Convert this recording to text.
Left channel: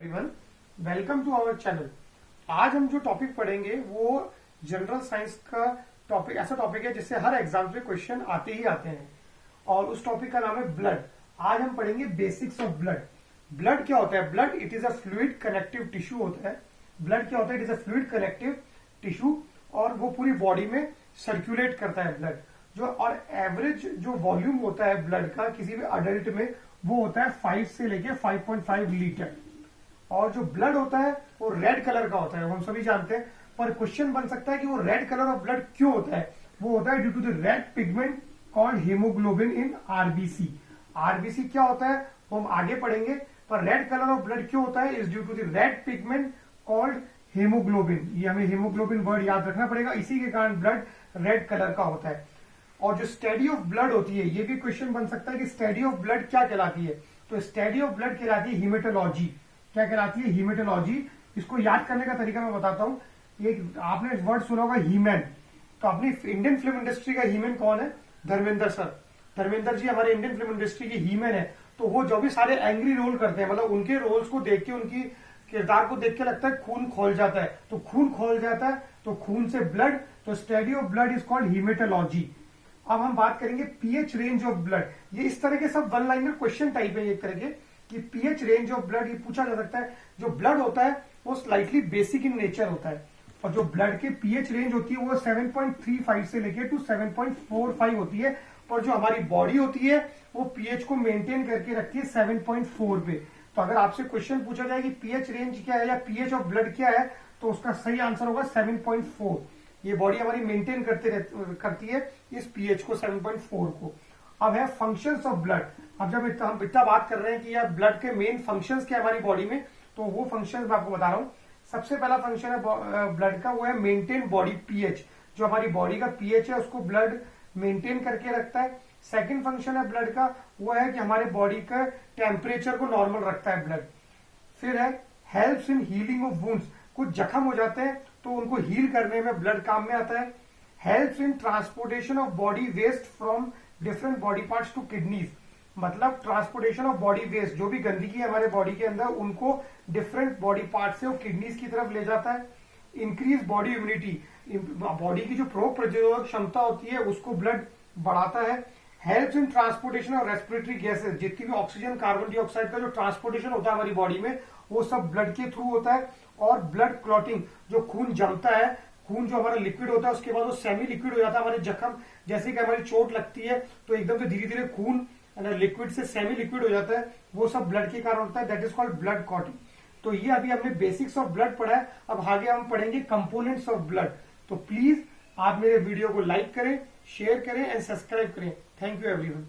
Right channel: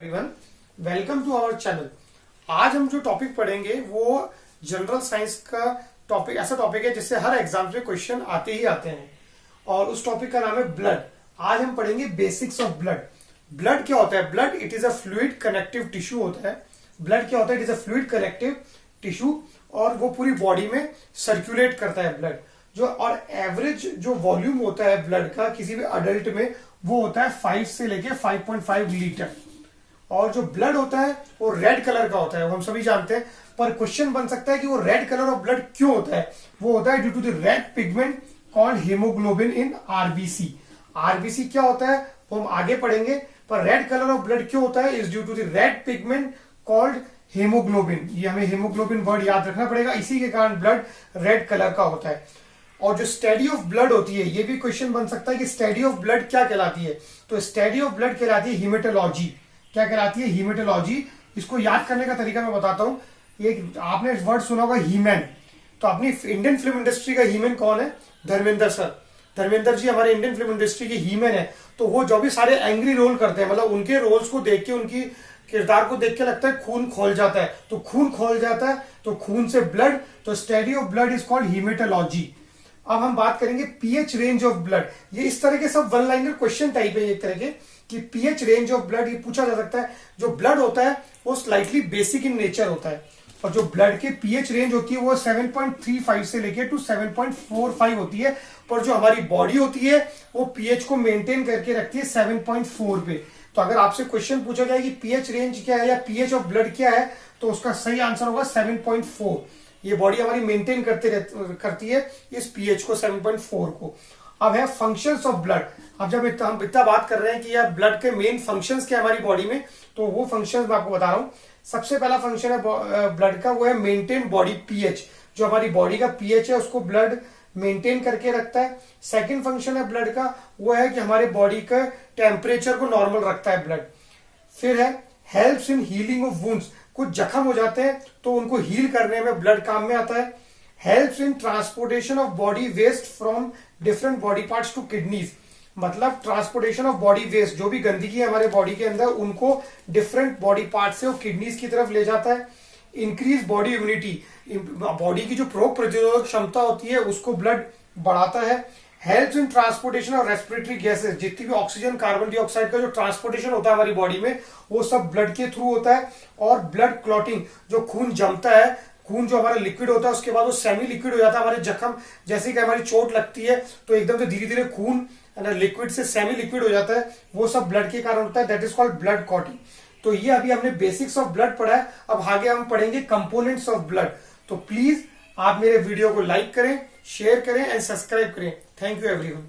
Everyone, welcome to our channel. आज हम जो टॉपिक पढ़ेंगे वो जनरल साइंस का टॉपिक, ऐसा टॉपिक है जिससे हर एग्जाम में क्वेश्चन आते ही आते हैं और उस टॉपिक का नाम है ब्लड। आज हम पढ़ेंगे बेसिक्स ऑफ ब्लड। ब्लड क्या होता है? Blood it is a fluid connective tissue होता है। ब्लड क्या होता है? It is a fluid connective tissue और वो पूरी बॉडी में सर्कुलेट करता है ब्लड। जो और एवरेज जो वॉल्यूम होता है ब्लड का किसी भी अडल्ट में वो होता है 5 से लेके 5.5 लीटर। और जो ब्लड होता है वो रेड कलर का होता है, वो हम सभी जानते हैं। पर क्वेश्चन बन सकता है कि वो रेड कलर ऑफ ब्लड क्यों होता है? वो होता है due to the red pigment called haemoglobin in RBC. RBC क्या होता है वो हम आगे पढ़ेंगे, पर रेड कलर ऑफ ब्लड क्यों होता है is due to the red pigment called haemoglobin. ये हमें हीमोग्लोबिन वर्ड याद रखना पड़ेगा, इसी के कारण ब्लड रेड कलर का होता है। और जो स्टडी ऑफ ब्लड होती है, ये भी क्वेश्चन बन सकता है कि स्टडी ऑफ ब्लड क्या कहलाती है? तो स्टडी ऑफ ब्लड कहलाती है हीमेटोलॉजी। क्या कहलाती है? हीमेटोलॉजी। इसको याद करने का तरीका मैं बताता हूँ। ये आपने वर्ड सुना होगा हीमैन। तो अपनी इंडियन फिल्म इंडस्ट्री का हीमैन कौन है? धर्मेंद्र सर। धर्मेंद्र जी हमारे इंडियन फिल्म इंडस्ट्री के हीमैन है। तो वो जो भी सारे एंग्री रोल करते हैं, मतलब उनके रोल्स को देख के, उनकी किरदार को देख के लगता है खून खोल जाता है। तो खून खोल जाता है तो खून से ब्लड, तो study of blood is called haematology. अब हम बात करेंगे पीएच रेंज ऑफ ब्लड। ये इस तरह के सब वन लाइनर क्वेश्चन टाइप है एक तरह के, कि पीएच रेंज ऑफ ब्लड ये पूछा जा सकता है। जो ब्लड होता है वो स्लाइटली बेसिक इन नेचर होता है और जो ब्लड के पीएच रेंज होती है वो 7.35 से लेके टू 7.45 होती है। पर जो हमारी बॉडी होती है वो पीएच को मेंटेन करके रखती है 7.4 पे। तो अगर आपसे क्वेश्चन पूछा जाए कि पीएच रेंज क्या है या पीएच ऑफ ब्लड क्या है, तो उसका सही आंसर होगा 7.4। ये बॉडी हमारी मेंटेन करती है इस पीएच को, 7.4 को। अब है फंक्शंस ऑफ ब्लड। अब जब हम इतना बात कर रहे हैं कि यार ब्लड के मेन फंक्शंस क्या है हमारी बॉडी में, तो वो फंक्शंस मैं आपको बता रहा हूँ। सबसे पहला फंक्शन है ब्लड का, वो है मेंटेन बॉडी पीएच। जो हमारी बॉडी का पीएच है उसको ब्लड मेंटेन करके रखता है। सेकंड फंक्शन है ब्लड का, वो है कि हमारे बॉडी का टेम्परेचर को नॉर्मल रखता है ब्लड। फिर है helps in healing of wounds. कुछ जख्म हो जाते हैं तो उनको हील करने में ब्लड काम में आता है। Helps in transportation of body waste from different body parts to kidneys. मतलब ट्रांसपोर्टेशन ऑफ बॉडी वेस्ट, जो भी गंदगी है हमारे बॉडी के अंदर उनको डिफरेंट बॉडी पार्ट से वो किडनीज की तरफ ले जाता है। इंक्रीज बॉडी इम्यूनिटी, बॉडी की जो रोग प्रतिरोधक क्षमता होती है उसको ब्लड बढ़ाता है। Helps in transportation of respiratory gases, जितनी भी ऑक्सीजन कार्बन डाइऑक्साइड का जो ट्रांसपोर्टेशन होता है हमारी बॉडी में वो सब ब्लड के थ्रू होता है। और ब्लड क्लॉटिंग, जो खून जमता है, खून जो हमारा लिक्विड होता है उसके बाद वो सेमी लिक्विड हो जाता है हमारे जख्म, जैसे कि हमारी चोट लगती है तो एकदम से धीरे धीरे खून लिक्विड से सेमी लिक्विड हो जाता है, वो सब ब्लड के कारण होता है। That is called blood clotting. तो ये अभी हमने बेसिक्स ऑफ ब्लड पढ़ा है। अब आगे हम पढ़ेंगे कंपोनेंट्स ऑफ ब्लड। तो प्लीज आप मेरे वीडियो को लाइक करें, शेयर करें एंड सब्सक्राइब करें। Thank you everyone.